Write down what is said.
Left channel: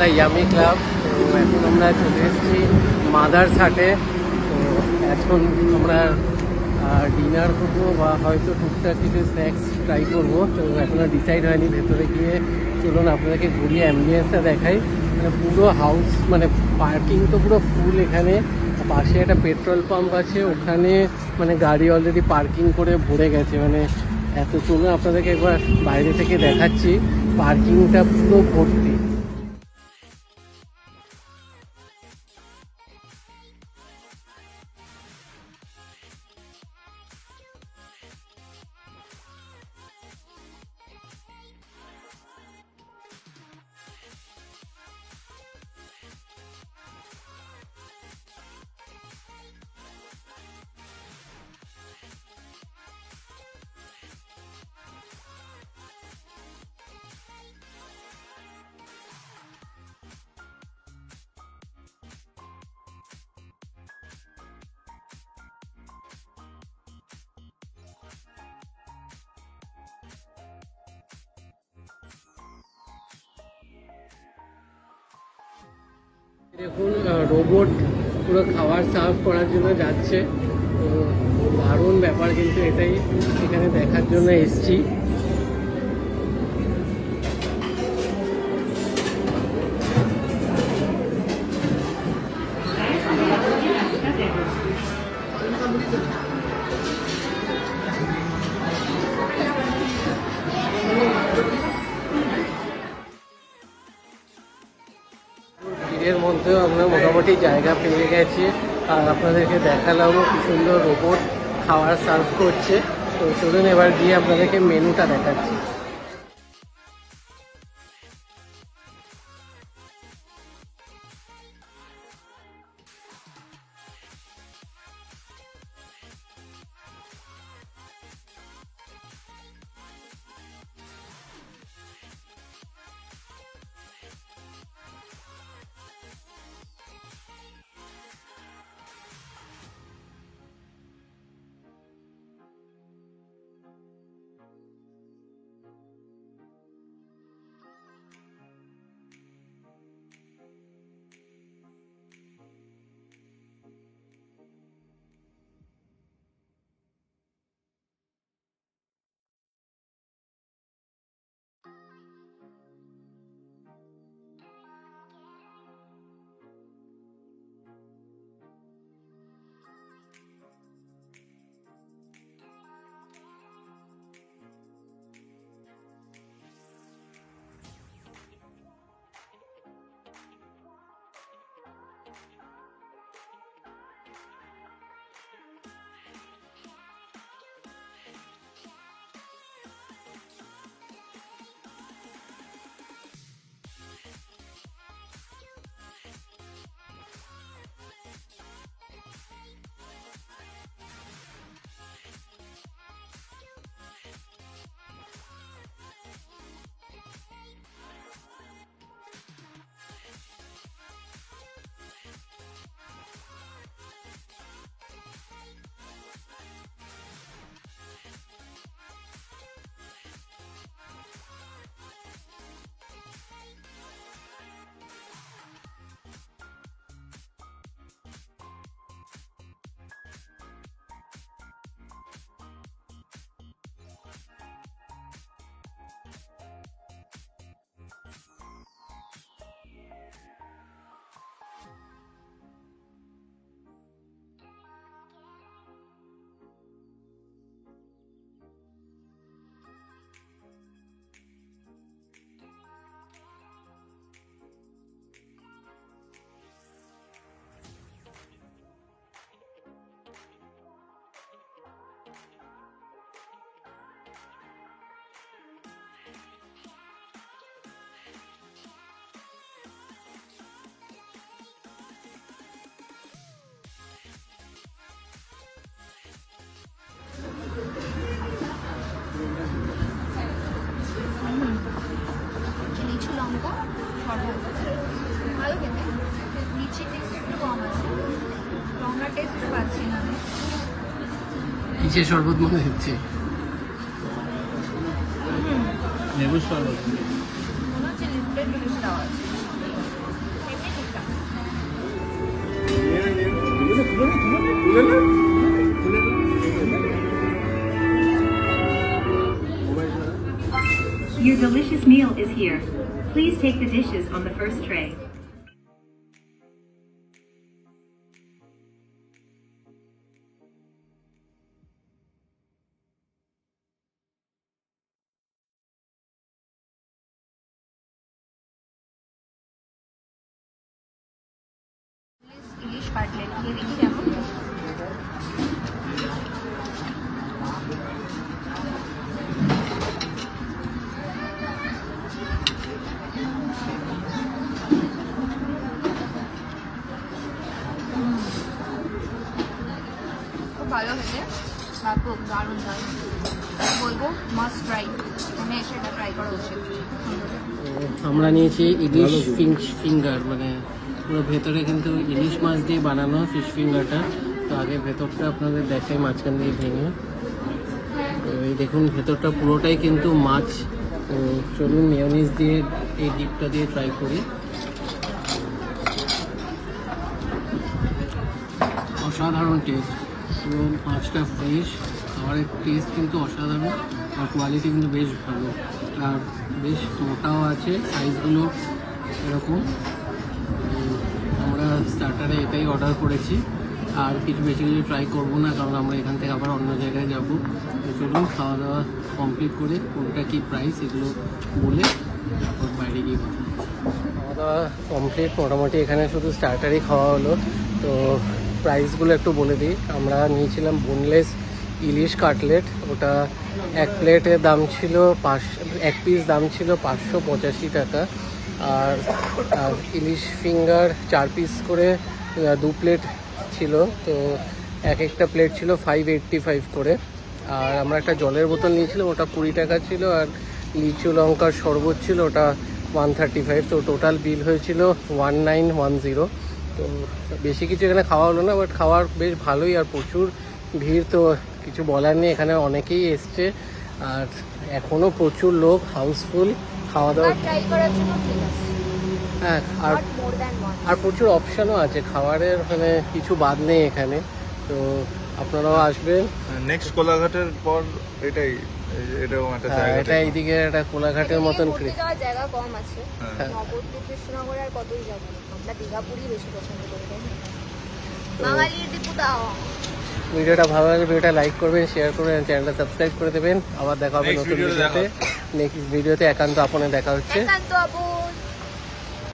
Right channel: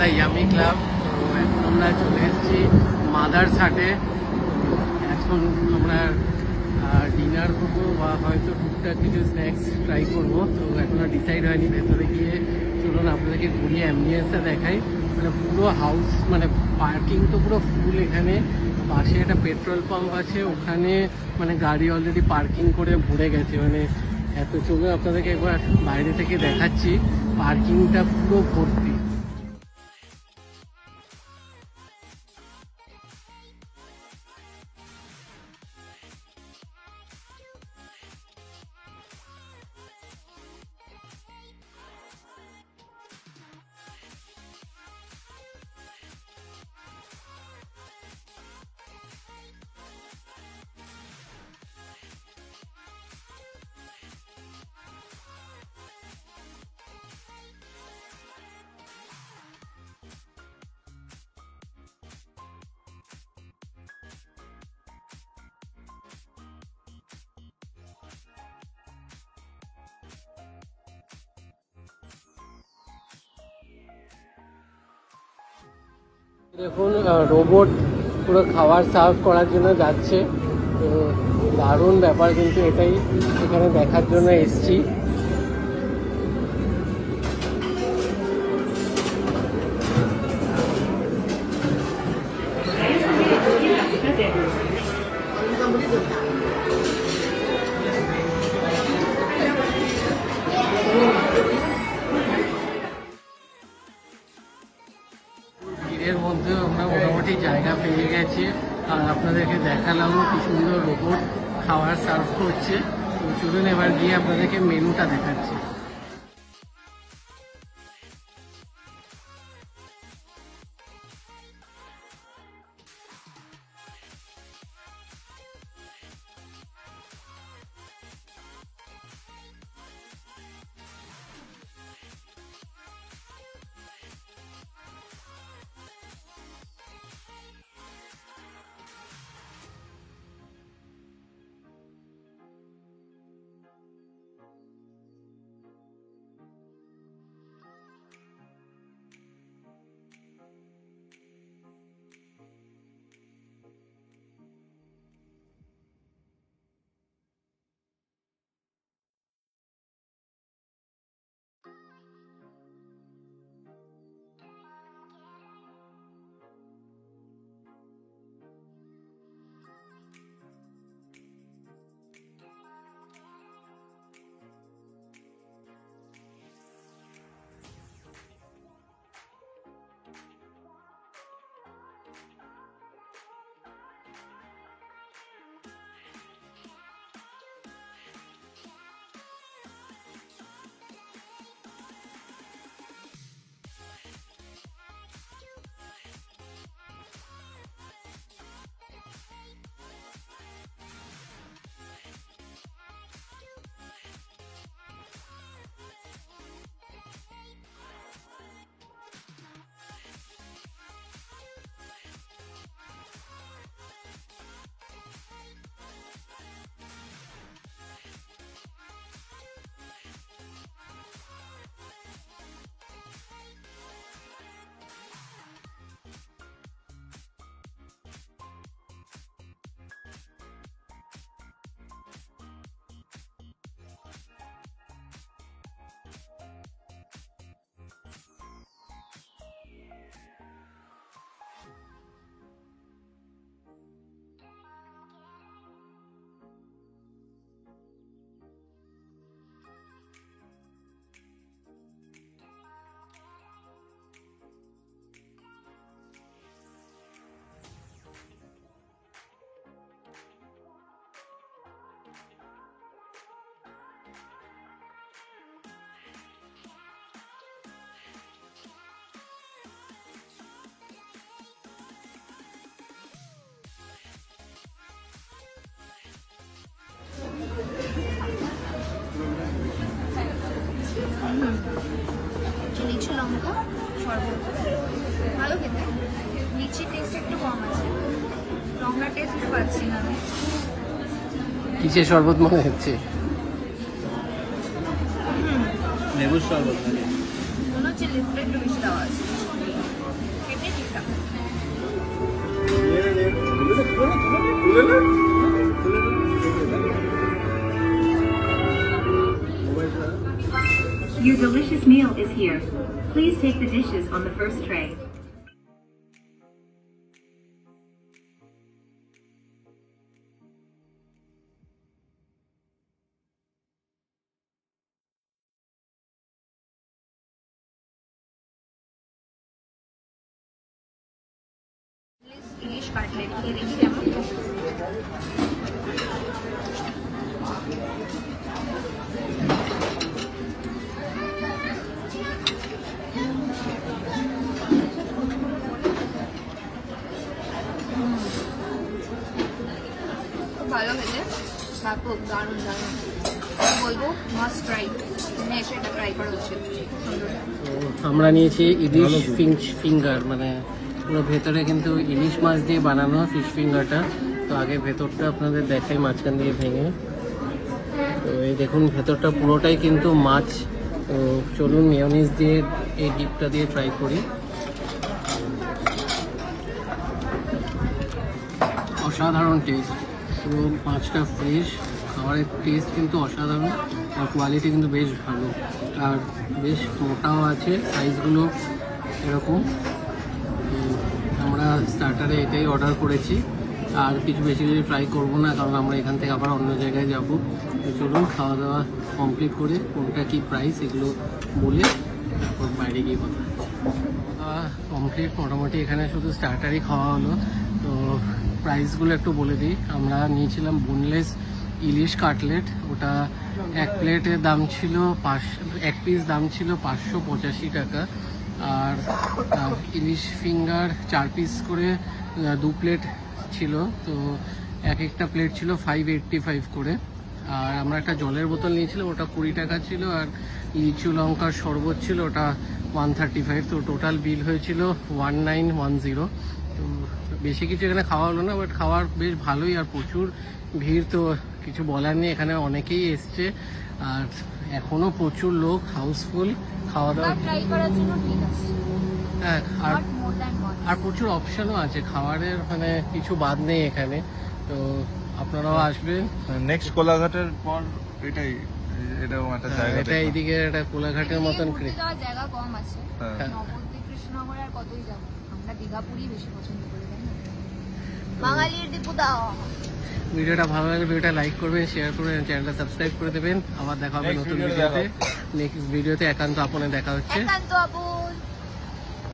The yummy club. তো এখন আমরা চলে এসেছি মাদারসাটে। তো এখন আমরা ডিনার করবো বা হয়তো টুকটাক কিছু স্ন্যাক্স ট্রাই করবো। তো এখনো ডিসাইড হয়নি। ভেতরে গিয়ে চলুন আপনাদেরকে ঘুরিয়ে অ্যাম্বিয়েন্সটা দেখাই। মানে পুরো হাউস, মানে পার্কিং তো পুরো ফুল। এখানে পাশে একটা পেট্রোল পাম্প আছে, ওখানে মানে গাড়ি অলরেডি পার্কিং করে ভরে গেছে। মানে এত, চলুন আপনাদেরকে একবার বাইরে থেকে দেখাচ্ছি। পার্কিংটা পুরো ভর্তি। দেখুন রোবট পুরো খাবার সার্ভ করার জন্য যাচ্ছে। তো দারুণ ব্যাপার, কিন্তু এটাই এখানে দেখার জন্য এসছি। ভিড়ের মধ্যেও আমরা মোটামুটি জায়গা পেয়ে গেছি। আর আপনাদেরকে দেখালামও কি সুন্দর রোবট খাবার সার্ভ করছে। তো চলুন এবার গিয়ে আপনাদেরকে মেনুটা দেখাচ্ছি। ভালো খেতে, লিচি টেস্ট একটু কম আছে, রমনা টেস্ট পাচ্ছি না। কিসের শরবত মনে হচ্ছে? লেবুর শরবত মনে হচ্ছে, লিকুইড মিষ্টি দেওয়া আছে। Your delicious meal is here. Please take the dishes on the first tray. Ilish cutlet দিয়ে দেখি কেমন। ভালো খেতে, খুব দারুণ লাগে, বলবো মাস্ট ট্রাই, মানে এসে এটা ট্রাই করা উচিত। আমরা নিয়েছি ইলিশ ফিঙ্গার, মানে পুরো ভেতরে কিন্তু ইলিশ মাছ দিয়ে বানানো ফিশ ফিঙ্গারটা। তো আগে ভেতরটা আপনাদের দেখাই মাঝখান দিয়ে ভেঙে। তো এই দেখুন ভেতরটা পুরোটাই কিন্তু মাছ। তো চলুন মেয়োনিজ দিয়ে এই ডিপটা দিয়ে ট্রাই করি। অসাধারণ টেস্ট, পুরো মাছটা ফ্রেশ, খাবারের টেস্ট কিন্তু অসাধারণ, আর কোয়ালিটি কিন্তু বেশ ভালো, আর বেশ মোটাও আছে, সাইজগুলো এরকম। তো আমরা স্টার্টারে এটাই অর্ডার করেছি, আর কিছু বেশি কিছু ট্রাই করবো না, কারণ আমরা এখান থেকে আবার অন্য জায়গায় যাব। তো চলুন খাওয়া দাওয়া কমপ্লিট করে কোনটা কি প্রাইস এগুলো বলে তারপর বাইরে গিয়ে কথা। খাওয়া দাওয়া কমপ্লিট, মোটামুটি এখানে শুধু স্টার্টারই খাওয়া হলো। তো প্রাইসগুলো একটু বলে দিই। আমরা নিয়েছিলাম বোনলেস ইলিশ কাটলেট, ওটা এক প্লেটের দাম ছিল এক পিস দাম ছিল 585 টাকা। আর ইলিশ ফিঙ্গার 4 পিস করে 2 প্লেট ছিল, তো এক একটা প্লেট ছিল 585 করে। আর আমরা একটা জলের বোতল নিয়েছিলাম, ওটা 20 টাকা ছিল। আর লিচু লঙ্কার শরবত ছিল, ওটা 135। তো টোটাল বিল হয়েছিল 1910। তো বেশি কিছু এখানে খাওয়া হলো না, বাট খাওয়ার বেশ ভালোই, আর প্রচুর ভিড়, তো কিছু বলার নেই। এখানে অনেকেই এসছে, আর এখনো প্রচুর লোক, হাউসফুল। খাওয়া দাওয়া ট্রাই করার জন্য ঠিক আছে। হ্যাঁ, আর প্রচুর অপশনও আছে খাবারের, মানে কিছু বাদ নেই এখানে। তো আপনারাও আসবেন। নেক্সট কোলাঘাটের পর এটাই, এটাও একটা জায়গা, এটা এইদিকে একটা কোলাঘাটের মতন জায়গা কম আছে। নবদ্বীপ, কৃষ্ণনগরে আর কতই যাবো, আমরা দীঘাপুরি বেশি পছন্দ করি, তাই না? বাঙালি দীপুটা। ভিডিওটা ভালো লাগলে ভিডিওটা লাইক করবেন, শেয়ার করবেন, চ্যানেলটা সাবস্ক্রাইব করে দেবেন। আবার দেখা হবে নতুন ভিডিওতে। নেক্সট ভিডিওতে একান্ত আপনে দেখা হচ্ছে। একান্ত আপন।